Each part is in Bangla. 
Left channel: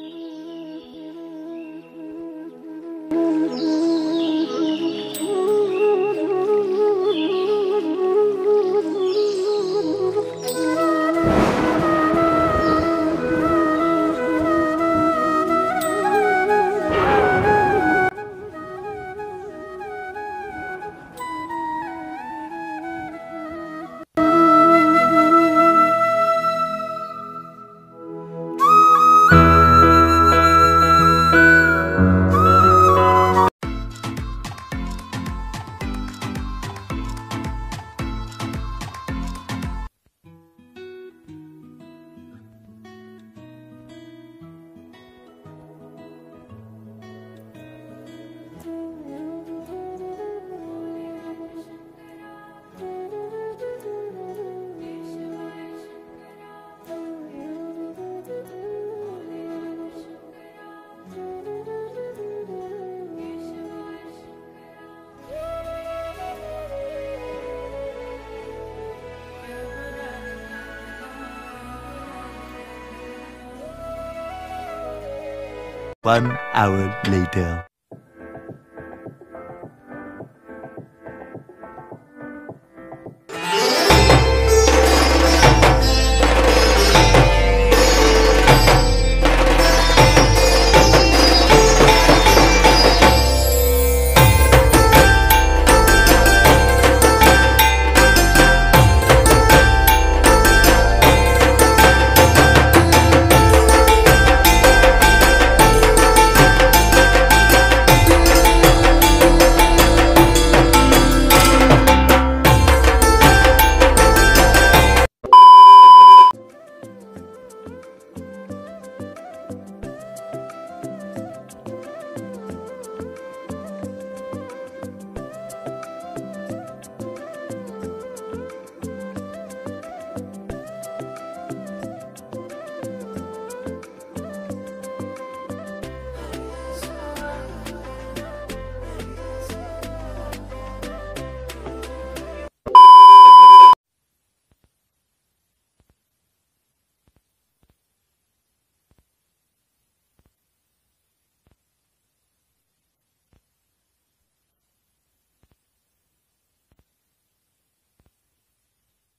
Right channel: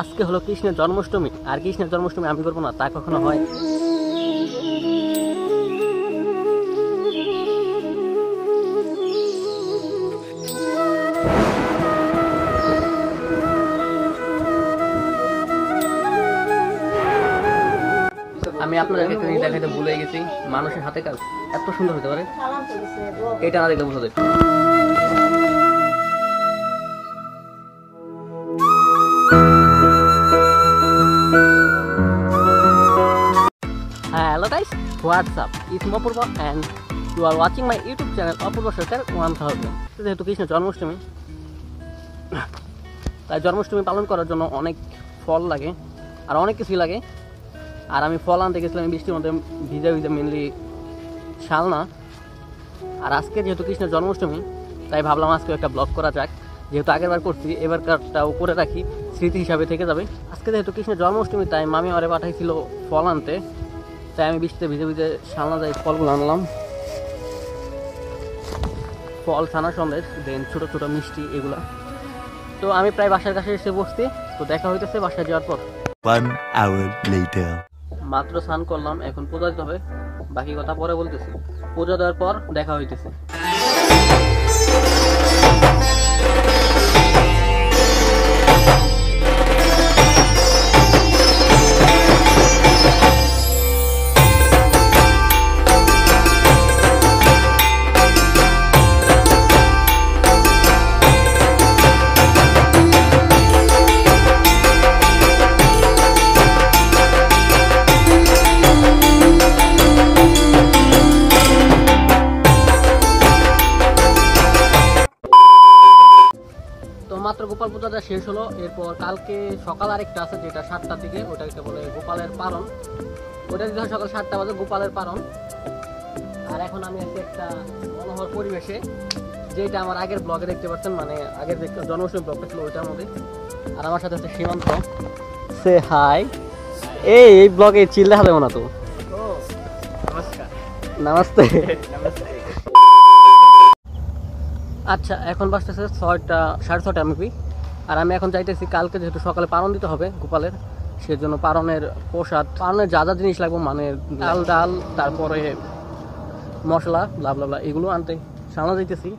আজকে হলো কৃষ্ণের জন্মাষ্টমী, আর কৃষ্ণের জন্মাষ্টমী আমি করবো না তা কখনো হয়? আমি আপনাদেরকে একটা জিনিস দেখাতে ভুলে গেছি, মানুষের হাতে কাজ এত সুন্দর হতে পারে, এটা না দেখলে বোঝা যায়। Hello guys, what's up? It's Apurva and you are watching my YouTube channel Apurva Circle 1000. যেহেতু কৃষ্ণের জন্মাষ্টমী, তাই জন্মাষ্টমী পালন করার জন্য অনেক ফল লাগে আর অনেক কিছুই লাগে। আর আমি ফল আনতে গেছিলাম বৃষ্টির মধ্যে ভিজে ভিজে, মেনলি শালনা। আর আজকে যেহেতু কৃষ্ণের জন্মাষ্টমী, তাই ভাবলাম আজকে একটা ব্লগ করা যাক। যেহেতু আগেরবার করছি, এবারকারটাও করে রাখি, স্মৃতি হিসাবে থেকে যাবে। আজকে যেহেতু কৃষ্ণের জন্মাষ্টমী, তাই মামি আমারে পাঠাইছিল ফল আনতে, তাই আমি বৃষ্টিতে ভিজে ভিজে শালনা যাই ফলগুলো আনলাম। ফল, ছানা সন্দেশ, দেন ছোটো ছোটো মিষ্টি, এগুলো। তো আমি প্রায় বাসার কাছে এসে বসছি, তো দেখা হইতেছে বাসায় যাওয়ার পর। 1 hour later. মাত্র স্নান করলাম, এখন পূজা দিতে হবে, বাকি কথা পরে বলতেছি। পূজা দেওয়ার পর দেখা হইতেছে। মাত্র গোপাল পূজাটা শেষ হলো, এরপর কালকে সকাল আরেকটা আছে যেটা 7টা থেকে, ওটাকে বলে গোপালের পালন। ওটা সকাল 7টা বাজে গোপালের পালন। আর এখন আমি একটা মনোহর পরিবেশে, যেটা আমার আগের ব্লগে দেখতে পাচ্ছেন, মানে আগের দেখতে জন্মাষ্টমী ব্লগ ছিল ওইটার মধ্যে। আর আমার সাথে হচ্ছে সীমান্ত। সে হাই। এই ব্লগে চিল দেখা যাবে না তো? নমস্তে। আচ্ছা, এখন বাজতেছে 6টা, 6:30 মেবি। আর আমি এখন যাইতেছি, কালকে যেহেতু সকালে পালন দিতে হবে গোপালের, সেজন্য পালনের প্রসাদ, পালনের যা যা জিনিস লাগবে, মানে ডাল, তারপরে মশলা, ব্লা এগুলো আনতে সামনে যাইতেছি।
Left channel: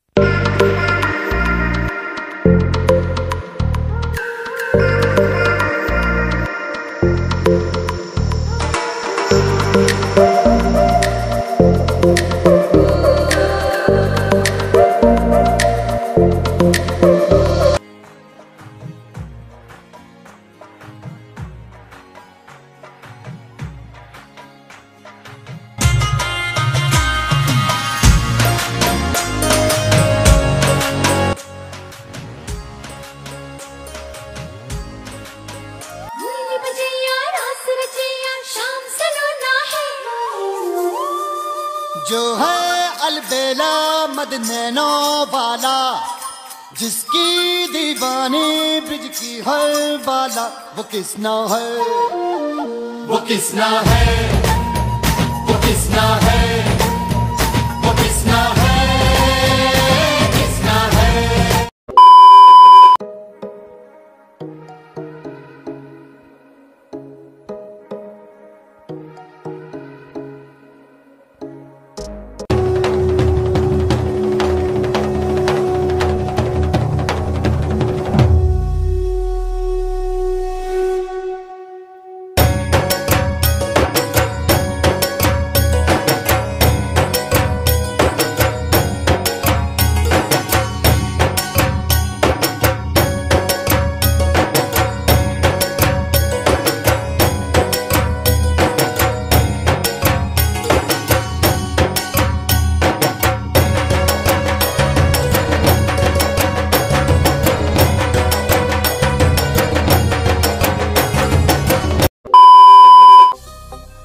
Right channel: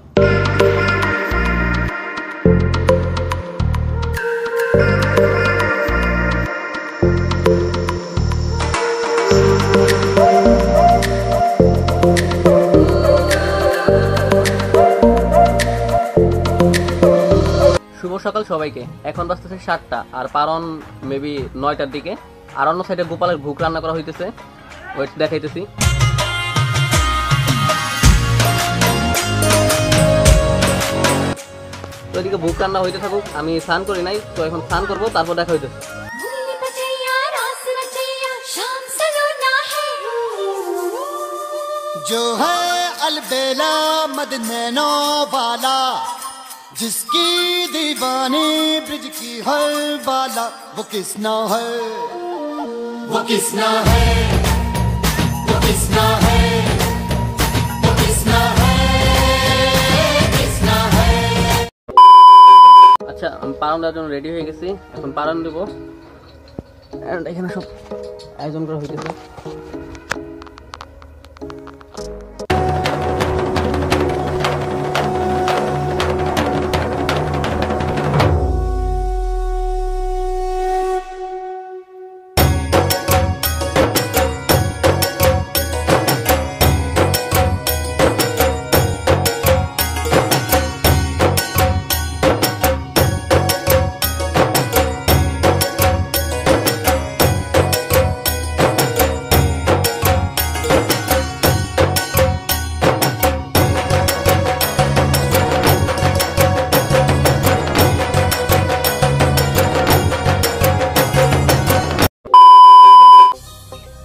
সকাল সবাইকে। এখন বাজতেছে 7টা, আর পালন মেবি 9টার দিকে। আর অন্য সাইডে গোপালের ভোগ রান্না করা হইতেছে, ওয়েট দেখাইতেছি। তো এদিকে ভোগ রান্না হইতে থাকুক, আমি স্নান করি নাই, তো এখন স্নান করবো, তারপর দেখা হইতেছে। जो है अलबेला मद नैनो वाला, जिसकी दीवानी ब्रिज की हर बाला, वो किसना है, वो किसना है, वो किसना है, वो किसना है, किसना है। আচ্ছা, আমি পালন দেওয়ার জন্য রেডি হয়ে গেছি, এখন পালন দেবো। এখানে সব আয়োজন করা হয়েছে।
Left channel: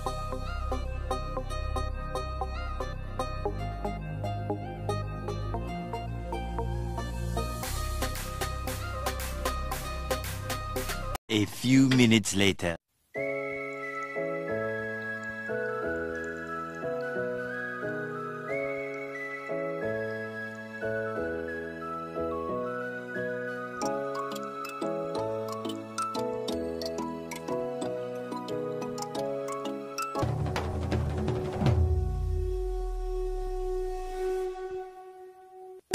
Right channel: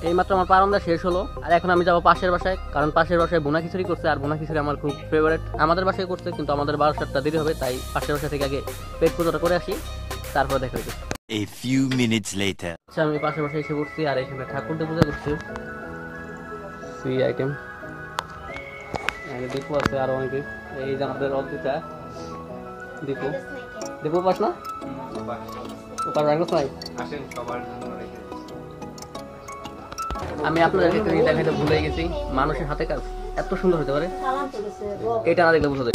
এইমাত্র আমার পালনটা শেষ হলো, আর এখন আমি যাবো পাশের বাসায়, কারণ পাশের বাসায় বোনা খিচুড়ি করছে, আর বোনা খিচুড়ি আমার খুব ফেভারিট। আমাদের বাসায় করছে, কিন্তু আমাদের 12টার দেরি হবে, তাই পাশের বাসা থেকে আগে পেট পুজোটা করে আসি, তারপর দেখা যাবে। A few minutes later. আচ্ছা, আমি পাশের বাসায় এসে পড়ছি, আর এখানে ঠাকুরটা পূজা করছি। সুই আইটেম দীপু আছে, আরো অনেকে। এই যে আমাদের অদ্রিতা, দীপু পাস না? আমি আপনাদেরকে দেখাইতে ভুলে গেছি, মানুষের হাতে কাজ এত সুন্দর হতে পারে, এটা না দেখলে বোঝা যায়।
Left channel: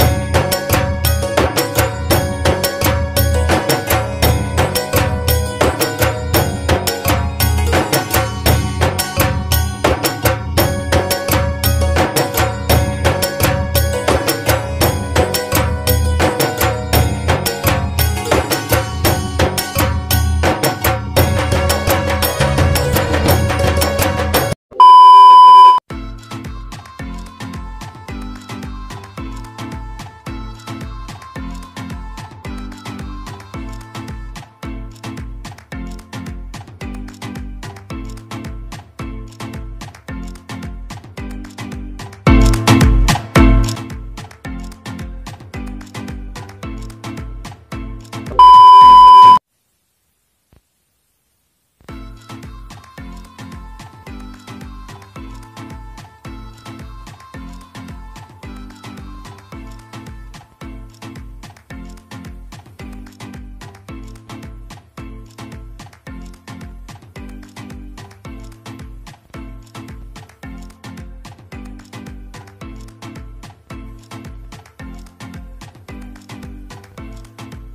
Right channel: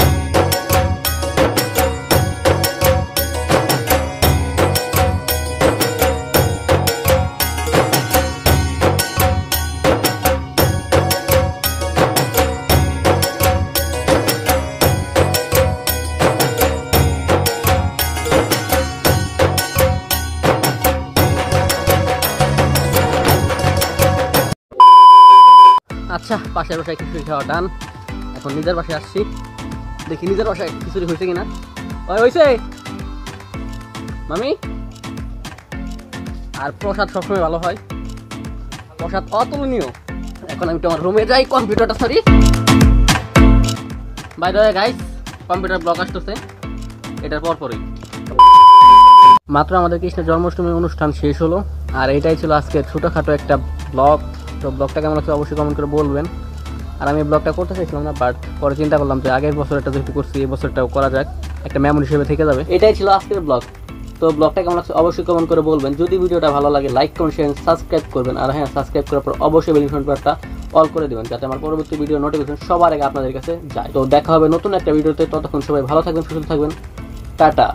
আচ্ছা, পাশের বাসায় খিচুড়ি খাওয়া ডান। এখন নিজের বাসায় আসছি, দেখি নিজের বাসায় খিচুড়ি হয়েছে কিনা। হয়েছে মামি। আর প্রসাদ সবসময় ভালো হয়, প্রসাদ অতুলনীয়। এখন আমি তোমার রুমে যাই, কম্পিউটারটা sorry. By the way guys, computer blog আসতেছে এটার পরপরই। মাত্র আমাদের কৃষ্ণের জন্মাষ্টমীর অনুষ্ঠান শেষ হলো, আর এটাই ছিল আজকে ছোটোখাটো একটা ব্লগ। তো ব্লগটা কেমন লাগছে অবশ্যই কমেন্ট করে বলবেন। আর আমি ব্লগটা করতে চাইছিলাম না, বাট পরে চিন্তা করলাম যে আগের বছর একটা যেহেতু করছি, এই বছরটাও করা যাক, একটা মেমোরি হিসেবে থেকে যাবে। এটাই ছিল আজকের ব্লগ। তো ব্লগটা কেমন লাগছে অবশ্যই কমেন্ট করে বলবেন। যদি ভিডিওটা ভালো লাগে লাইক কমেন্ট শেয়ার সাবস্ক্রাইব করবেন। আর হ্যাঁ, সাবস্ক্রাইব করার পর অবশ্যই বেল বাটনটা অল করে দেবেন, যাতে আমার পরবর্তী ভিডিও নোটিফিকেশন সবার আগে আপনাদের কাছে যায়। তো দেখা হবে নতুন একটা ভিডিওতে, ততক্ষণ সবাই ভালো থাকবেন, সুস্থ থাকবেন, টাটা।